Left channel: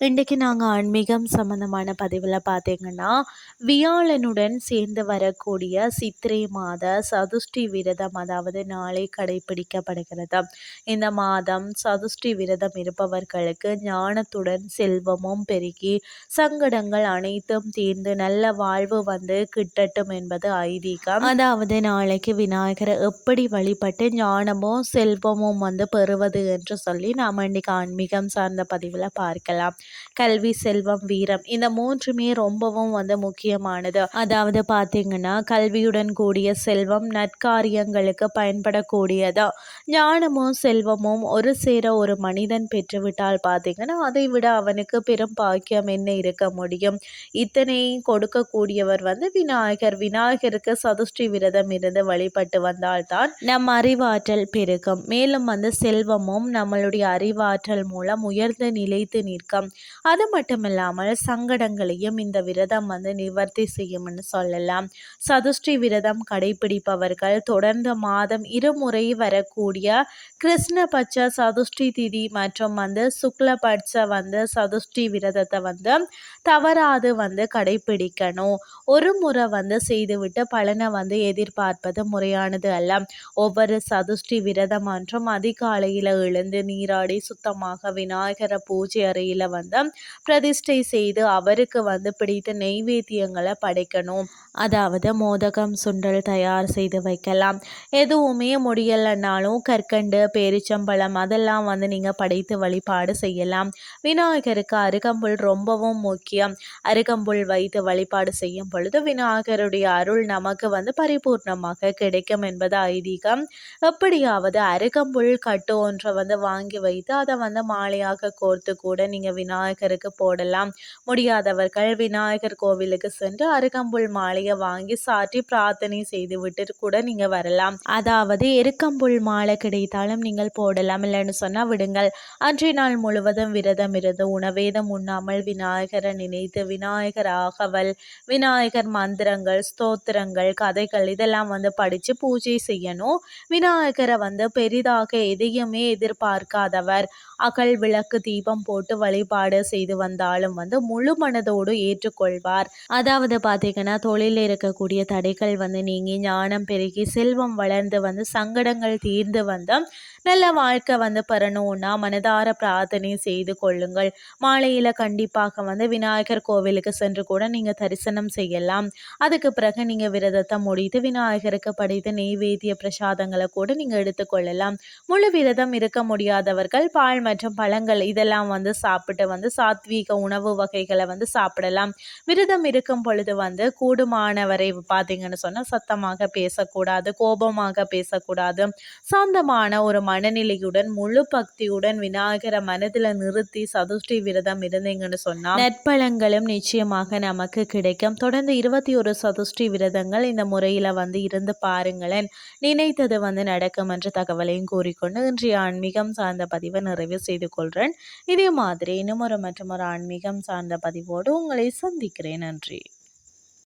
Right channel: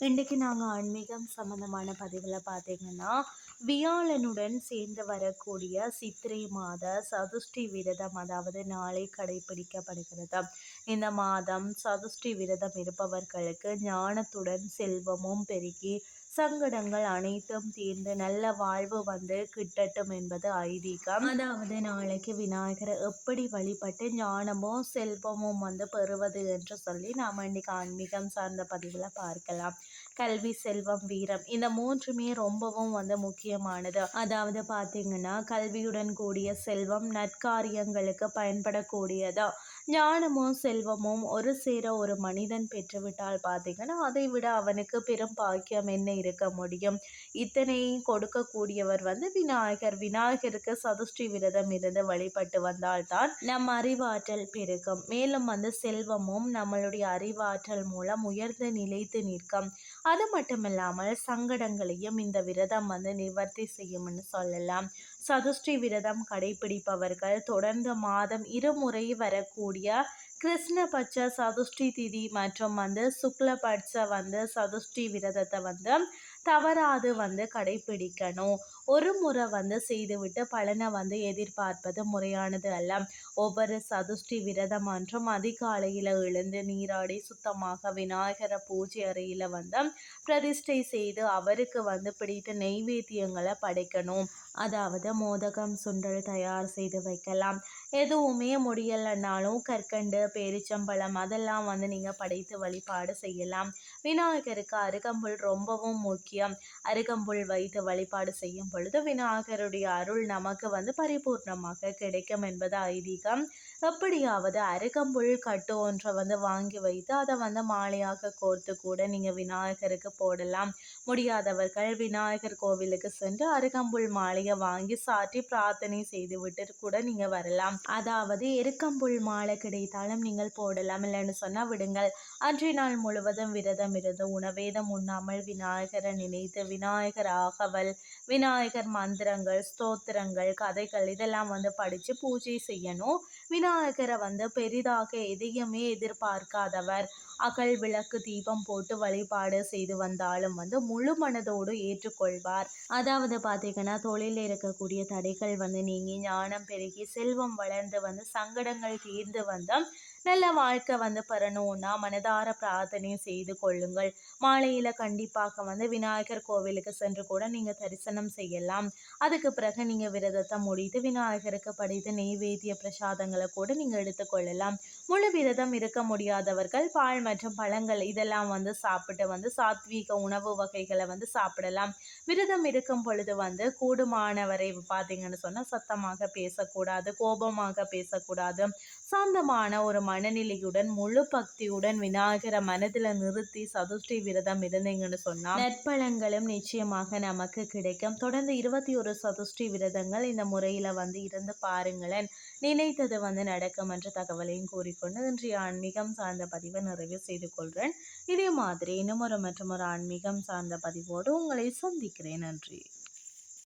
இன்றைக்கு நாங்கள் ஆன்மீகம் சம்மந்தமான பதிவில் பார்த்தீங்கன்னா வியாழனுடன் சேர்ந்து வரக்கூடிய சித்திரை மாத சதுஷ்டி விரதம் அதாவது நாளை கடைபிடிக்கப்படுகிறது இந்த மாதம் சதுஷ்டி விரதம் இருப்பவர்களுக்கு ஞானத்துடன் செல்வமும் பெருகி சங்கடங்கள் அனைத்தும் தீர்ந்து நல்ல வாழ்வு வந்து கிட்டட்டும் என்பது ஐதீகம். அதாவது நாளைக்கு விநாயகரை எப்படி வழிபட்டு ஞானமும் செல்வமும் வந்து பெறுவது என்று சொல்லி நாம் இன்றைக்கு ஆன்மீகம் சார்ந்த பதிவில் பார்க்கலாம். கல்வி செல்வம் வீரம் இந்த மூன்றுமே ரொம்பவும் வந்து முக்கியமானது. அதாவது பார்த்தீங்கன்னா கல்வியுடன் கூடிய செல்வம் நற்காரியங்களுக்கு பயன்படக்கூடியதா? ஞானமும் செல்வமும் ஒரு சேர ஒரு மனிதன் பெற்றுவிட்டால் பார்த்தீங்கன்னா அதை விட அவனுக்கு பெரும் பாக்கியம் என்ன இருக்க முடியும்? இத்தனையும் கொடுக்கக்கூடியவர் வந்து விநாயகர். விநாயகருக்கு சதுஷ்டி விரதம் இருந்து வழிபட்டு வந்தால்தான் நம் அறிவாற்றல் பெருகும். மேலும் வந்து செல்வமும் நம்மளுடைய அறிவாற்றல் மூலம் உயர்ந்து நிலைத்து நிற்கும். அது மட்டும் இல்லாமல் சங்கடங்களையும் இந்த விரதம் வந்து நிவர்த்தி செய்யும்னு சொல்லலாம். சதுஷ்டி விரதம் கடைபிடிப்பவர்கள் தொடர்ந்து மாதம் இருமுறை வரக்கூடிய கிருஷ்ணபட்ச சதுஷ்டி திதி மற்றும் வந்து சுக்லபட்ச வந்து சதுஷ்டி விரதத்தை வந்து தவறாது வந்து கடைபிடிக்கணும். ஒரு முறை வந்து செய்துவிட்டு பலனை வந்து எதிர்பார்ப்பது முறையானது அல்ல. ஒவ்வொரு சதுஷ்டி விரதம் மற்றும் அதிகாலையில் எழுந்து நீராடி சுத்தமாக விநாயகர பூஜை அறையில் வந்து பிரதிஷ்டை செய்து அவருக்கு வந்து பிடித்த நெய்வேத்தியங்களை படைக்கணும். அதாவது மோதகம் சுண்டல் தயார் செய்து வைக்கலாம். எதுவுமே முடியலைன்னாலும் கற்கண்டு பேரிச்சம்பழம் அதெல்லாம் வந்து நீங்கள் படைத்து வழிபாடு செய்யலாம். விநாயகருக்கு அருகம்புல் ரொம்பவும் முக்கியம். அருகம்புல் வைத்து வழிபாடு செய்யும் பொழுது விநாயகருடைய அருள் நமக்கு வந்து பரிபூர்ணமாக கிடைக்கும் என்பது ஐதீகம். எப்படியாவது அருகம்புல் கட்டு ஒன்றை வந்து வாங்கி வைத்து அதை வந்து மாலையாக கோர்த்து கூட நீங்கள் விநாயகருக்கு போடலாம். முடியாதவர்கள் விநாயகர் கோவிலுக்கு சென்று அருகம்புல் மாலையை வாங்கி சாற்றி பிரார்த்தனை செய்து விட்டு கூட நீங்கள் வரலாம். அதாவது எருக்கம்புல் மாலை கிடைத்தாலும் நீங்கள் போடலாம். இல்லைன்னு சொன்னால் விடுங்கள். அன்றைய நாள் முழுவதும் விரதம் இருந்து உணவேதம் உண்ணாமல் விநாயகரை நினைத்து விநாயகர் ஆகவல் விநாயகர் மந்திரங்கள் ஸ்தோத்திரங்கள் கதைகள் இதெல்லாம் வந்து படித்து பூஜை செய்யணும். விநாயகரை வந்து பெரிதாக எதையுமே எதிர்பார்க்காதவர். அகல் விளக்கு தீபம் போட்டு வழிபாடு செய்து வந்தாலும் வந்து முழு மனதோடு ஏற்றுக்கொள்வார். அதாவது பார்த்தீங்கன்னா தொழிலில் இருக்கக்கூடிய தடைகள் வந்து நீங்கி ஞானம் பெருகி செல்வம் வளர்ந்து வந்து சங்கடங்கள் தீர்ந்து வந்தால் நல்ல வாழ்க்கை வந்து பெறணும்னா மனதார பிரார்த்தனை செய்து கொள்ளுங்கள். மாலையில் கண்டிப்பாக வந்து விநாயகர் கோவிலுக்கு சென்று கூட நீங்கள் தரிசனம் செய்யலாம். அதுக்கு பிறகு நீங்கள் விரதத்தை முடித்து விநாயகருக்கு படைத்த நெய்வேத்திய பிரசாதங்களை கூட நீங்கள் எடுத்துக்கொள்ளலாம் முழு விரதம் இருக்க முடியாதவர்கள் பால் மற்றும் பழங்கள் இதெல்லாம் வந்து சாப்பிட்டு வந்து சாத்வீக உணவு வகைகளை வந்து சாப்பிடலாம். விரதம் இருக்கும் பொழுது வந்து கூடுமானவரை பார்த்தீங்கன்னு சொன்னால் சத்தமாக பேசக்கூடாது கோபமாக பேசக்கூடாது. சாந்தமான ஒரு மனநிலையுடன் முழு பக்தியுடன் விநாயகரை மனதில் நிறுத்தி சதுஷ்டி விரதம் இருந்தீங்கன்னு சொன்னால் நற்பலங்களும் நிச்சயமாக நமக்கு கிடைக்கும். தொடர்ந்து இருபத்தி ஒரு சதுஷ்டி விரதங்கள் இந்த முறையில் வந்து இருந்து பாருங்களேன். நினைத்தது வந்து நடக்கும் என்ற தகவலையும் கூறிக்கொண்டு இன்றைய ஆன்மீகம் சார்ந்த பதிவை நிறைவு செய்து கொள்கிறேன் இதே மாதிரி இன்னும் ஒரு மற்றும் ஒரு ஆன்மீகம் சார்ந்த பதிவோடு உங்களை சந்திக்கிறேன். நன்றி.